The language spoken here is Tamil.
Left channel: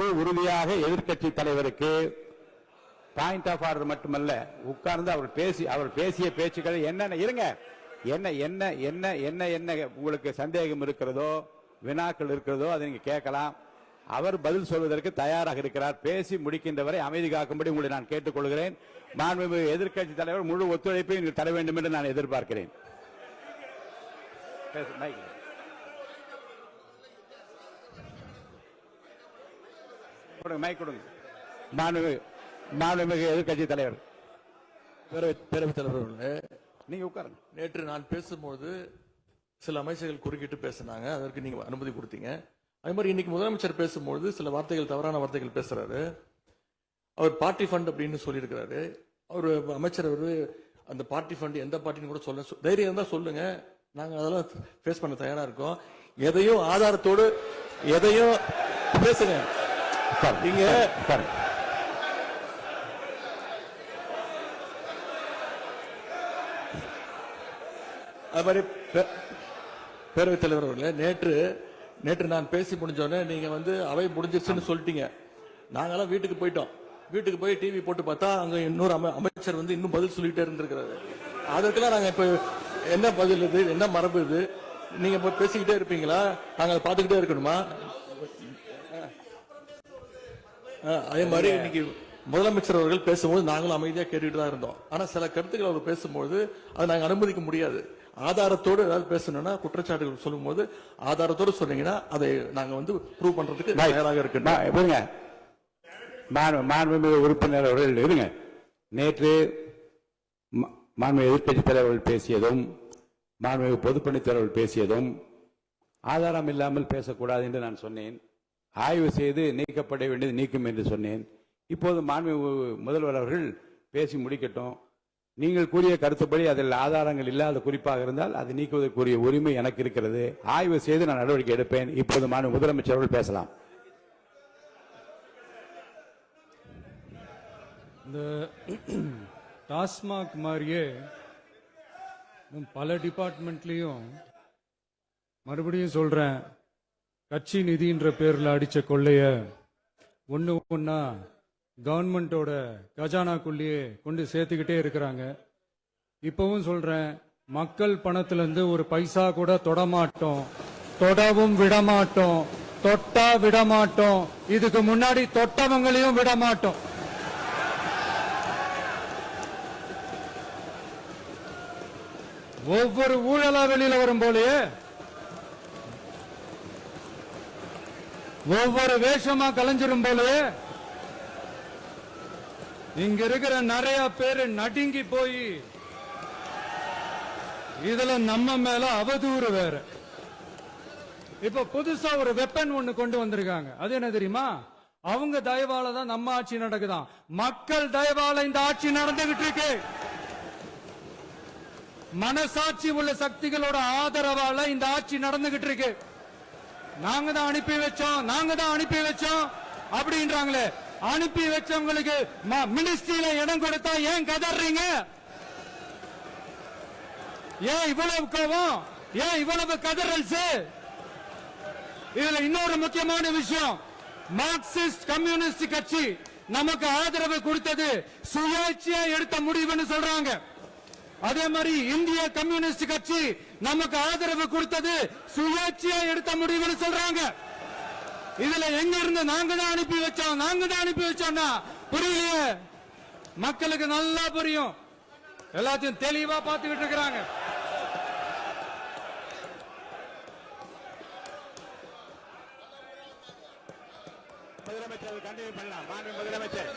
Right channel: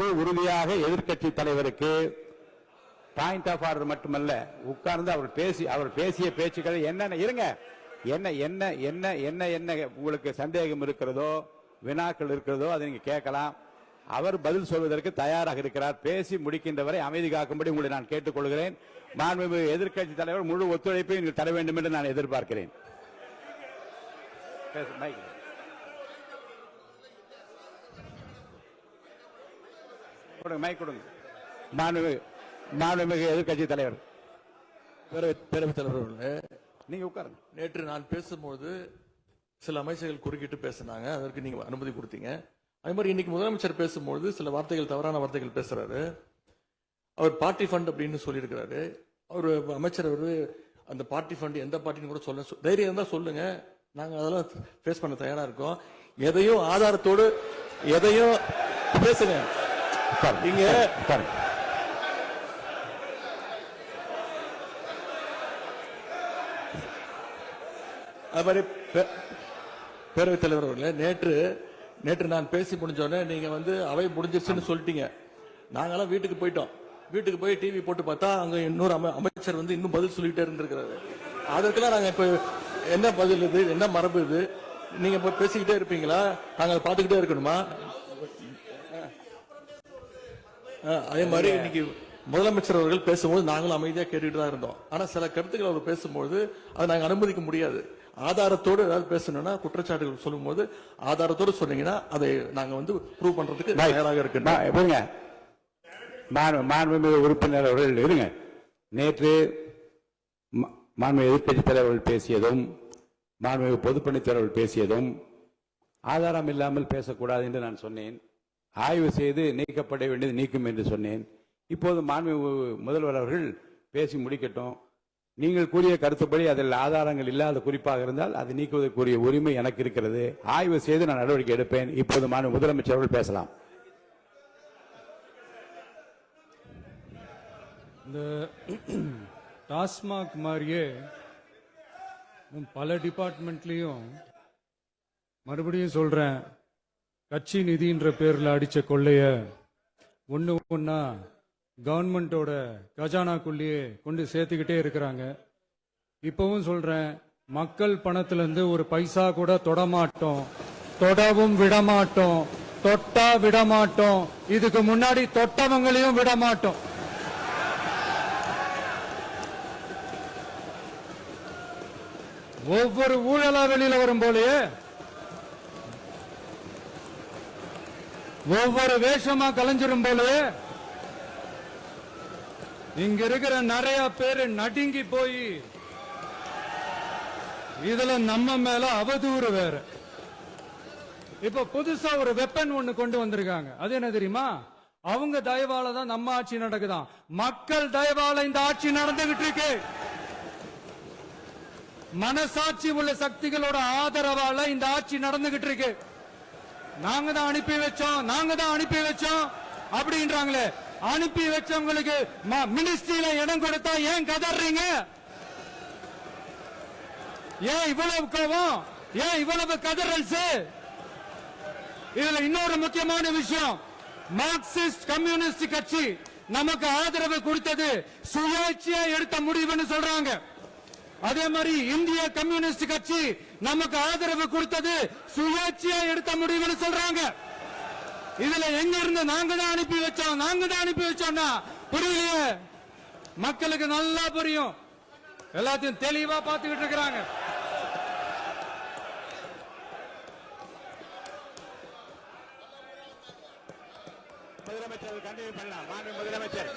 பொறுப்பு உறுதியாக எதிர்க்கட்சி தலைவருக்கு பாயிண்ட் ஆஃப் ஆர்டர் மட்டுமல்ல, உட்கார்ந்து அவர் பேசிய பேச்சுக்கள் என்னென்ன இருங்க, என்ன என்ன என்ன என்ன என்ன உங்களுக்கு சந்தேகம் இருக்கிறதோ, வினாக்கள் இருக்கிறதோ அதை நீங்க கேட்கலாம். அவர் பதில் சொல்வதற்கு தயாராக இருக்கிறார். பேசி முடிக்கின்ற வரை அமைதி காக்கும்படி உங்களை நான் கேட்டுக்கொள்கிறேன். மாண்புமிகு எதிர்க்கட்சி தலைவர் முழு ஒத்துழைப்பை நீங்கள் தர வேண்டும் என்று நான் எதிர்பார்க்கிறேன். மைக் கொடுங்க. மாண்புமிகு எதிர்க்கட்சி தலைவர், பேரவைத் தலைவர், நீங்க உட்காருங்க. நேற்று நான் பேசும்போது சில அமைச்சர்கள் குறுக்கிட்டு பேசினாங்க, அதற்கு நீங்க அனுமதி கொடுத்தீங்க. அதே மாதிரி இன்னைக்கு முதலமைச்சர் பேசும்போது சில வார்த்தைகள், தவறான வார்த்தைகள் பேசுறாரு. அவர் பார்ட்டி ஃபண்ட் அப்படின்னு சொல்லியிருக்கிறாரு. அவர் அமைச்சர் அந்த பார்ட்டி ஃபண்ட் எந்த பார்ட்டின்னு கூட சொல்ல தைரியம் இருந்தா சொல்லுங்க, நாங்க அதெல்லாம் ஃபேஸ் பண்ண தயாரா இருக்கோம். எதையும் ஆதாரத்தோடு எதையும் பேசுங்க. நீங்க அது மாதிரி பேரவைத் தலைவர் அவர்களே, நேற்று நான் பேசி முடிஞ்சோடனே நீங்க அவை முடிஞ்சிருச்சுன்னு சொல்லிட்டீங்க. நாங்கெல்லாம் வீட்டுக்கு போயிட்டோம். வீட்டுக்கு போய் டிவி போட்டு பார்த்தா அங்க இன்னொரு அமைச்சர் இன்னும் பதில் சொல்லிட்டே இருந்திருக்கிறாரு. அதற்கெல்லாம் நாங்க இப்ப என்ன பதில் இது, என்ன மரபு இது? நீங்க இப்ப பேசிக்கிட்டே இருப்பீங்களா? நாங்க பாத்துக்கிட்டே இருக்கணுமா? அதே மாதிரி இன்னைக்கு முதலமைச்சர் அவர்கள் பேசும்போது நாங்களும் அமைதியா கேட்டுட்டு தான் இருந்தோம். ஆனா சில கருத்துக்கள் அவர் பேசும்போது அதை நாங்க அனுமதிக்க முடியாது. ஆதாரத்தோடு ஏதாவது பேசணும்னா, குற்றச்சாட்டுகள் சொல்லும் போது ஆதாரத்தோடு சொன்னீங்கன்னா அதை நாங்க ப்ரூவ் பண்றதுக்கு தயாராக இருக்கு. மாண்புமிகு உறுப்பினர் அவர்கள் இருங்க. நேற்று மாண்புமிகு எதிர்க்கட்சி தலைவர்கள் பேசியதும், மாண்புமிகு பொதுப்பணித் தலைவர்கள் பேசியதும் ஆதாரம் இல்லாமல் பேசக்கூடாது என்று நான் சொன்னேன். ஆய்வு செய்து நீக்கப்பட வேண்டியது நீக்கும் என்று சொன்னேன். இப்போது மாண்புமிகு முதல்வர் அவர்கள் பேசி முடிக்கட்டும். நீங்கள் கூறிய கருத்துப்படி அதில் ஆதாரங்கள் இல்லாத குறிப்பாக இருந்தால் அதை நீக்குவதற்குரிய உரிமை எனக்கு இருக்கிறது. ஆய்வு செய்து நான் நடவடிக்கை எடுப்பேன். இப்போது மாண்புமிகு முதலமைச்சர் அவர்கள் பேசலாம். இந்த டாஸ்மாக் மாதிரியே பல டிபார்ட்மெண்ட்லயும், மறுபடியும் சொல்றேன், கட்சி நிதின்ற பேர்ல அடிச்ச கொள்ளைய ஒன்னா கவர்மெண்டோட கஜானாக்குள்ளேயே கொண்டு சேர்த்துக்கிட்டே இருக்கிறாங்க. இப்பவும் சொல்றேன், மக்கள் பணத்திலிருந்து ஒரு பைசா கூட தொடமாட்டோம், தொடவும் விடமாட்டோம், தொட்டா விடமாட்டோம், இதுக்கு முன்னாடி தொட்டவங்களையும் விடமாட்டோம். ஒவ்வொரு ஊழலா வெளியில வரும் போலயே, ஒவ்வொரு வேஷமா கலைஞ்சிரும் போலயே இங்க இருக்கிற நிறைய பேரு நடுங்கி போய் இதுல நம்ம மேல அவதூறு வேற. இப்ப புதுசா ஒரு வெப்பன் ஒண்ணு கொண்டு வந்திருக்காங்க. அது என்ன தெரியுமா? அவங்க தயவால தான் நம்ம ஆட்சி நடக்குதான். மக்கள் தயவால இந்த ஆட்சி நடந்துகிட்டு இருக்கு. மனசாட்சி உள்ள சக்திகளோட ஆதரவால இந்த ஆட்சி நடந்துகிட்டு இருக்கு. நாங்க தான் அனுப்பி வச்சோம் அப்படின்றாங்களே. அனுப்பி வச்சவங்களுக்கு மினிஸ்ட்ரியில இடம் கொடுத்தா ஏன் கதறீங்க? ஏன் இவ்வளவு கோவம்? ஏன் இவ்வளவு கதறல்ஸ்? இதுல இன்னொரு முக்கியமான விஷயம், மார்க்சிஸ்ட் கம்யூனிஸ்ட் கட்சி நமக்கு ஆதரவு கொடுத்தது சுயேட்சையா எடுத்த முடிவுன்னு சொல்றாங்க. அதே மாதிரி இந்திய கம்யூனிஸ்ட் கட்சி நமக்கு ஆதரவு கொடுத்தது சுயேட்சையா எடுத்த முடிவுன்னு சொல்றாங்க. இதுல எங்க இருந்து நாங்க தான் அனுப்பி வச்சோம்னா புரியலையே. மக்களுக்கு நல்லா புரியும். எல்லாத்தையும் தெளிவா பார்த்துக்கிட்டு இருக்கிறாங்க. முதலமைச்சர் கண்டிப்பா பண்ணலாம். முதலமைச்சர்